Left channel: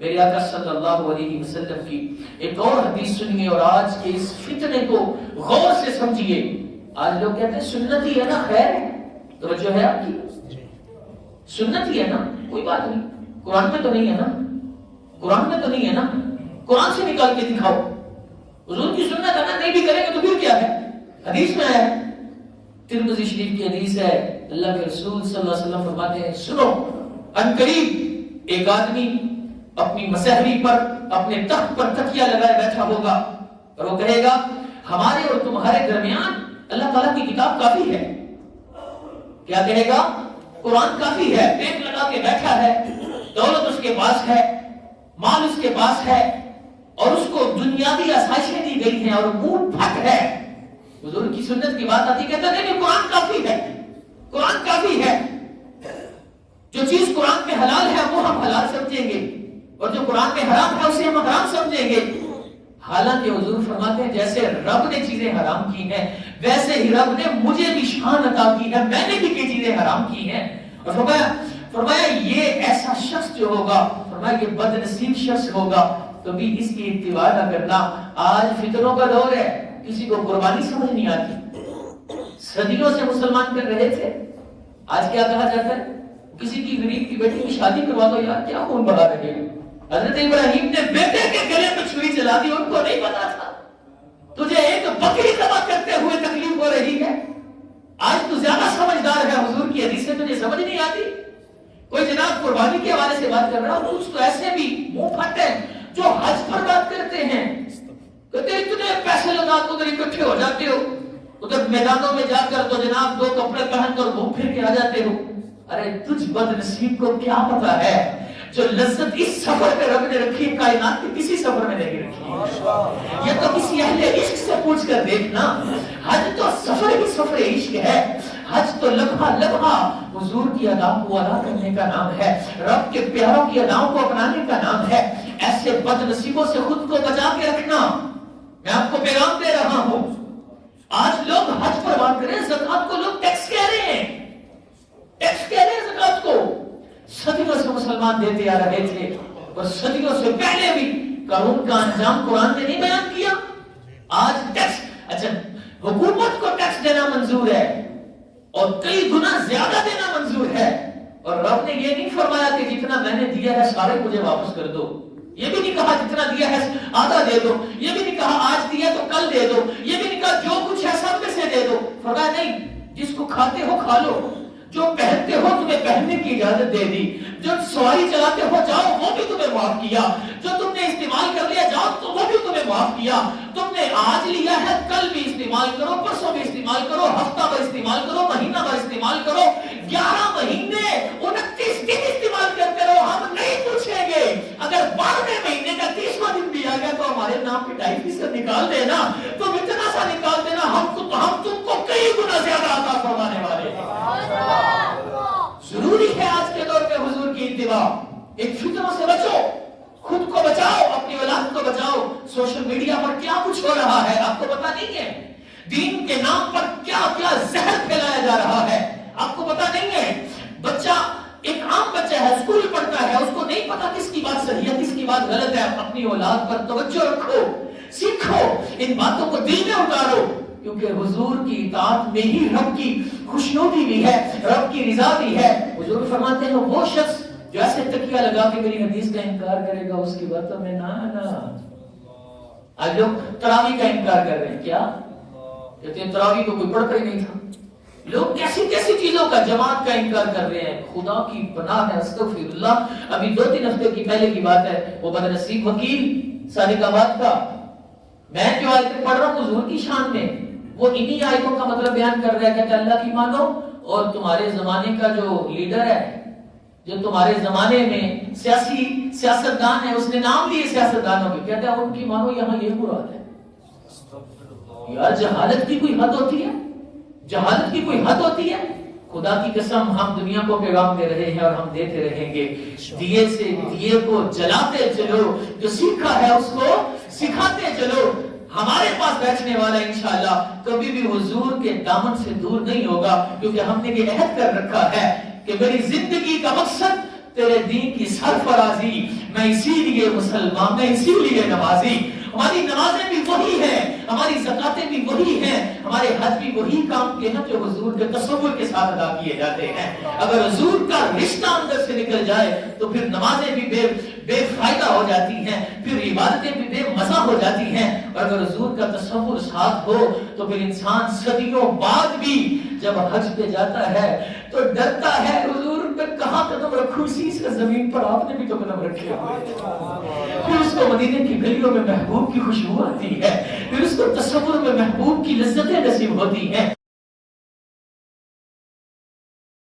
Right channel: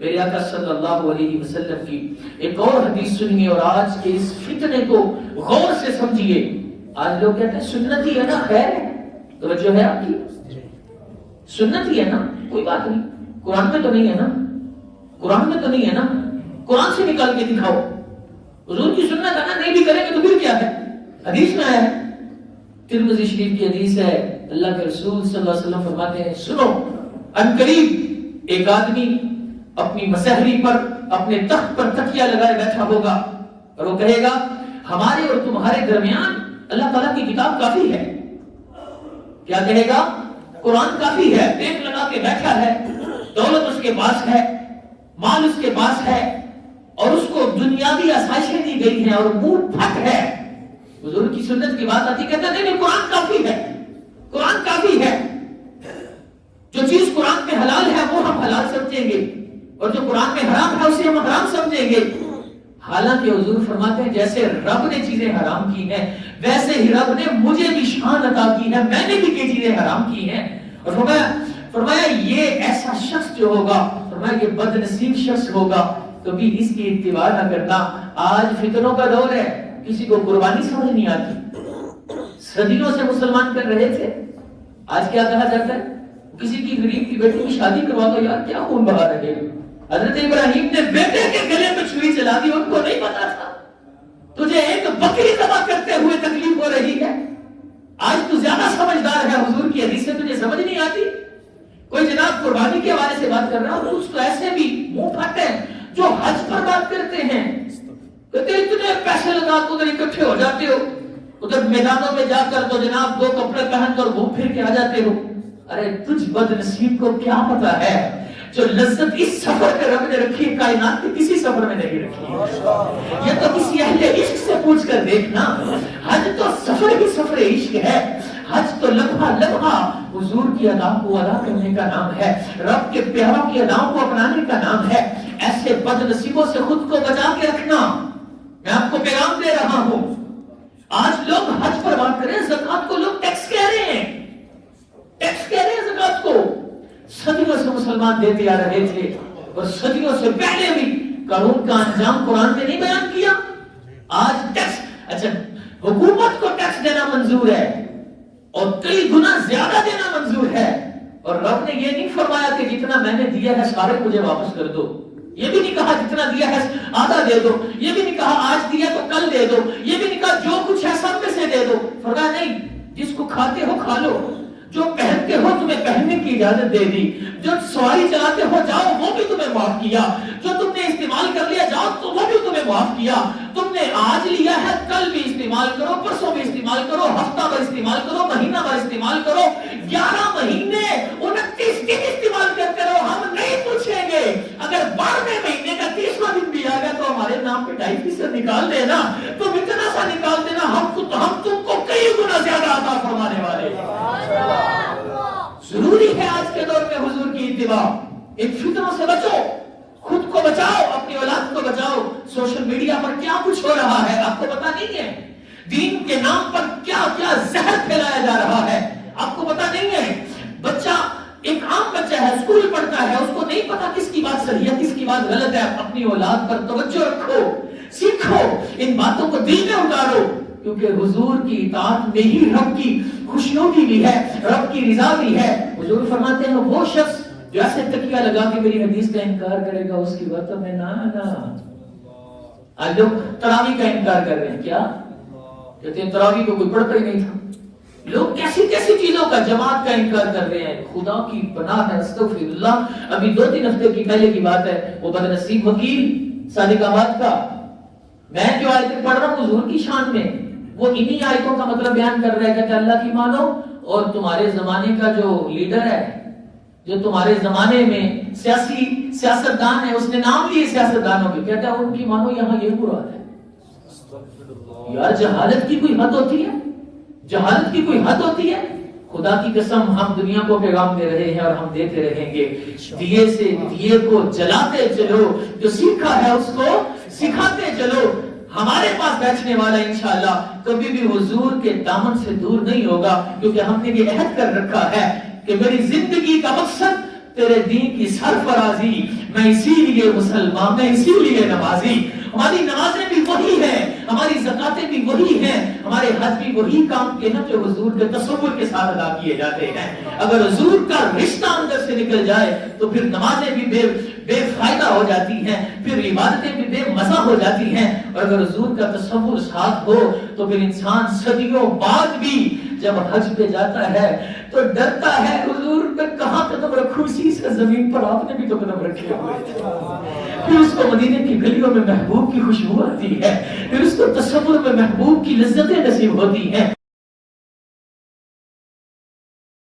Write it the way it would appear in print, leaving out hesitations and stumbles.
میرے آقا صلی اللہ علیہ وسلم کی ایک اور حدیث سنیے اور آج کے اس فتنے کو غور سے سمجھیے. آج لوگ کہتے ہیں سنت ہی ہے نا، خیر ہے، توجہ ہے آپ کی، سنت ہی ہے نا، کوئی بات نہیں، قرآن میں تو نہیں ہے نا، قرآن میں تو نہیں ہے نا، قرآن سے نکال کے دکھاؤ. حضور کی سنت ہے نا، نہیں بھی کریں گے تو پھر کیا ہے، حدیث میں آیا ہے. ترمذی شریف کی حدیث ہے، اللہ کے رسول صلی اللہ علیہ وسلم فرماتے ہیں سنو، ان قریب ایک آدمی اپنی مسحری پر اپنے تخت پر تکیہ لگائے بیٹھا ہوگا اور وہ کہے گا ہمارے اور تمہارے درمیان اللہ تعالیٰ کی کتاب کافی ہے. کیا کہے گا؟ قرآن کافی ہے. پیٹ لگا کے بیٹھا ہے، دولت اس کے پاس ہے، مال اس کے پاس ہے، اور اس کو دنیاوی آسائشیں دی گئی ہیں اور منہ پھٹ ہے. حضور کی سنت کی بات آتی کہتا ہے نہیں قرآن کافی ہے، قرآن کافی ہے. جو چیز قرآن میں حلال ہے وہ ہم حلال سمجھیں گے اور جو قرآن میں حرام ہے اسے ہم حرام سمجھیں گے. حالانکہ حضور فرماتے ہیں جیسے رب نے چیزیں حرام کی ہیں ویسے ہی رب نے مجھے بھی شان عطا کی ہے، میں نے بھی کئی چیزیں حرام کی ہیں. اور فرمایا یہ ایسا شخص جو ہوگا، فرمایا یہ بد نصیب شخص ہوگا تو بھی اس کی اتباع نہ کرنا. آج فتنوں کا دور ہے، کسی کو قربانی سمجھ نہیں آتی. صدیوں سے مسلمان کر رہے تھے، آج کیا کہا جاتا ہے؟ کسی کی غریب کی بیٹی کی شادی کروا دو، یار کیا خون بہا رہے ہیں. حضرت ابراہیم نے بیٹے کے گلے میں چھری چلا دی، ان کو نہیں پتا تھا تجھے ایک بکری ذبح کرتے ہوئے تکلیف ہو رہی ہے. آج تو زیادہ سمجھدار ہے، حضور کی حدیث سے تجھے سمجھ نہیں آتی. کوئی جناب قربانی کے حوالے سے بات کر رہا ہوں، کچھ تو ایسے بھی منہ پھٹ ہیں جو حج پر بات کرتے ہیں، کہتے ہیں اتنے پیسے لگا تو ادھر اکٹھے ہو جاتے ہو، ادھر میدانوں میں جا کر تو جناب دو کپڑے پہن کر گھوم پھر کے آ جاتے ہو. ارے تجھ بد نصیب کو کیا پتا ہے جو لذت اس سفر میں رب نے رکھی ہے کائنات کے کسی سفر میں نہیں رکھی ہے. یہ تو کسی اہل عشق سے پوچھ کر دیکھنا. حج تو سفر ہی سفر عشق ہے. حج تو لمحہ لمحہ حضور کی ادا کو ادا کرنے کا نام ہے، رب کے پیاروں کی اداؤں کو اپنانے کا نام ہے. ایسے بد نصیبوں سے خود کو بچا کے رکھنا. میں آپ کو پیغام دے رہا ہوں. آج لوگ حج پر بات کریں، زکات کو لوگ ٹیکس کہہ رہے ہیں، ٹیکس کہہ رہے ہیں زکات کو. صدیوں سے مسلمان دیتے آ رہے تھے اور صدیوں سے پہلے بھی قانون کا انجام قرآن نے نہیں بیان کیا. آج ٹیکس، اچھا حکومت کو ٹیکس دینا منظور ہے اور کئی گنا زیادہ دینا منظور ہے، اور رب نے یہ نہیں فرمایا کہ جتنا میں نے دیا ہے سارے مجھے واپس کر دو. یہ بھی نہیں کہا جتنا دیا ہے آدھا دے دو. یہ بھی نہیں کہا آج دیا تو کل دے دو. یہ بھی نہیں کہا جو کچھ ہے سب میں سے دے دو. فرمایا نہیں، جس کو کھاتے ہو کھا لو، جو پہنتے ہو تمہیں پہننے کی اجازت دے دی، جو سواری چلاتے ہو جاؤ وہ بھی تمہیں معاف کیا، جو تم نے استعمال کر لیا جاؤ تو وہ بھی تمہیں معاف کیا. تم نے آج لیا ہے کل بھی استعمال کرو، پرسوں بھی استعمال کرو، ہفتہ بھر استعمال کرو، مہینہ بھر استعمال کرو، 11 مہینے 29 دن استعمال کرتے رہو. ہم نہیں پوچھیں گے. اگر 12ویں مہینے کا 30واں دن بھی آئے گا تو ہمارے نام پہ 2.5% نکال دینا، تو اتنا سا نکال دینا، ہم تم کو کئی گنا زیادہ عطا فرمانے والے ہیں. ضروری ہے آج کے دور میں حضور کی اتباع. ایک فتنوں سے بچو، خود کو بچاؤ، اپنی اولاد کو بچاؤ. سوشل میڈیا پر کیا کچھ ہو رہا ہے آپ کو پتا نہیں ہے. دین کے نام پر کیا کیا زہر پھیلایا جا رہا ہے آپ کو پتا نہیں ہے. بچہ ایک عام بچہ ہے، اسکول پڑھتا ہے، اس کو نہیں پتا کس کی بات صحیح ہے کس کی بات غلط ہے. اپنی اولاد پر توجہ رکھو، سیکھو، ان باتوں کو دل میں اتارو، کیونکہ حضور کی اطاعت میں ہی رب کی خوشنودی بھی ہے، رب کی رضا بھی ہے. حضور فرماتے ہیں وہ شخص جو ایسے تکیہ لگا کے میری حدیث کا انکار کرے گا اس کی باتوں میں نہ آنا. آج لوگ تراویح کا انکار کر رہے ہیں. کیا کہتے ہیں؟ تراویح کو کوئی پڑھتا ہی نہیں تھا. لوگ کیسی کیسی چیزوں کا، جماعت کا انکار کر رہے ہیں. خدا کی پناہ ہے، استغفر اللہ. ابھی 2-3 ہفتے کی پہلے کی بات ہے، وہ بد نصیب وکیل صادق آباد کا، میں جو آیتیں پڑھ رہا ہوں حضور کی شان میں، وہ انہی آیتوں کا مطلب بیان کر رہا ہے کہ اللہ کی مانو، اور تمہارے زمانے کا جو لیڈر ہے، جو تمہارے زمانے میں سیاستدان ہے، اس نے نام لیے سیاستدانوں کے، کہتا ہے ان کی مانو. یہاں یہ مراد ہے. یار جہالت کی کوئی حد ہوتی ہے؟ جہالت کی کوئی حد ہوتی ہے؟ خدا کی قسم ہم دنیا کو پیغام دے رہے ہیں اور ہم دیتے رہیں گے. دیے سے دیے کو جلاتے چلو، جو سیکھا ہے اس کو سکھاتے چلو. ہمارے پاس بیٹھنے والا انشاءاللہ کبھی بھی حضور کے دامن سے دور نہیں ہوگا، کیونکہ ہم نے یہ عہد کر رکھا ہے کہ میری زندگی کا مقصد تیرے دین کی سرفرازی، میں اسی لیے مسلمان، میں اسی لیے نمازی. ہماری نمازیں بھی وہی ہیں، ہماری زکاتیں بھی وہی ہیں، ہمارے حج بھی وہی کام کے نا جو حضور کے تصور کے ساتھ ادا کیے جاتے ہیں. اگر حضور کا رشتہ اندر سے نکل جائے تو پھر نمازیں بھی بے فائدہ ہو جاتی ہیں، پھر عبادتیں بھی بے مزہ ہو جاتی ہیں. اور اگر حضور کا تصور ساتھ ہو تو پھر انسان صدیوں بعد بھی جب حج پہ جاتا ہے تو ڈرتا ہے حضور پہ کہاں قدم رکھوں، اسی سے زمین پر آپ نے بھی تو قدم رکھے ہوئے تھے. پھر اس کو مدینے کی گلیوں میں محبوب کی خوشبو آتی ہے، پھر اس کو تصور میں محبوب کی لذتیں نصیب ہوتی ہیں.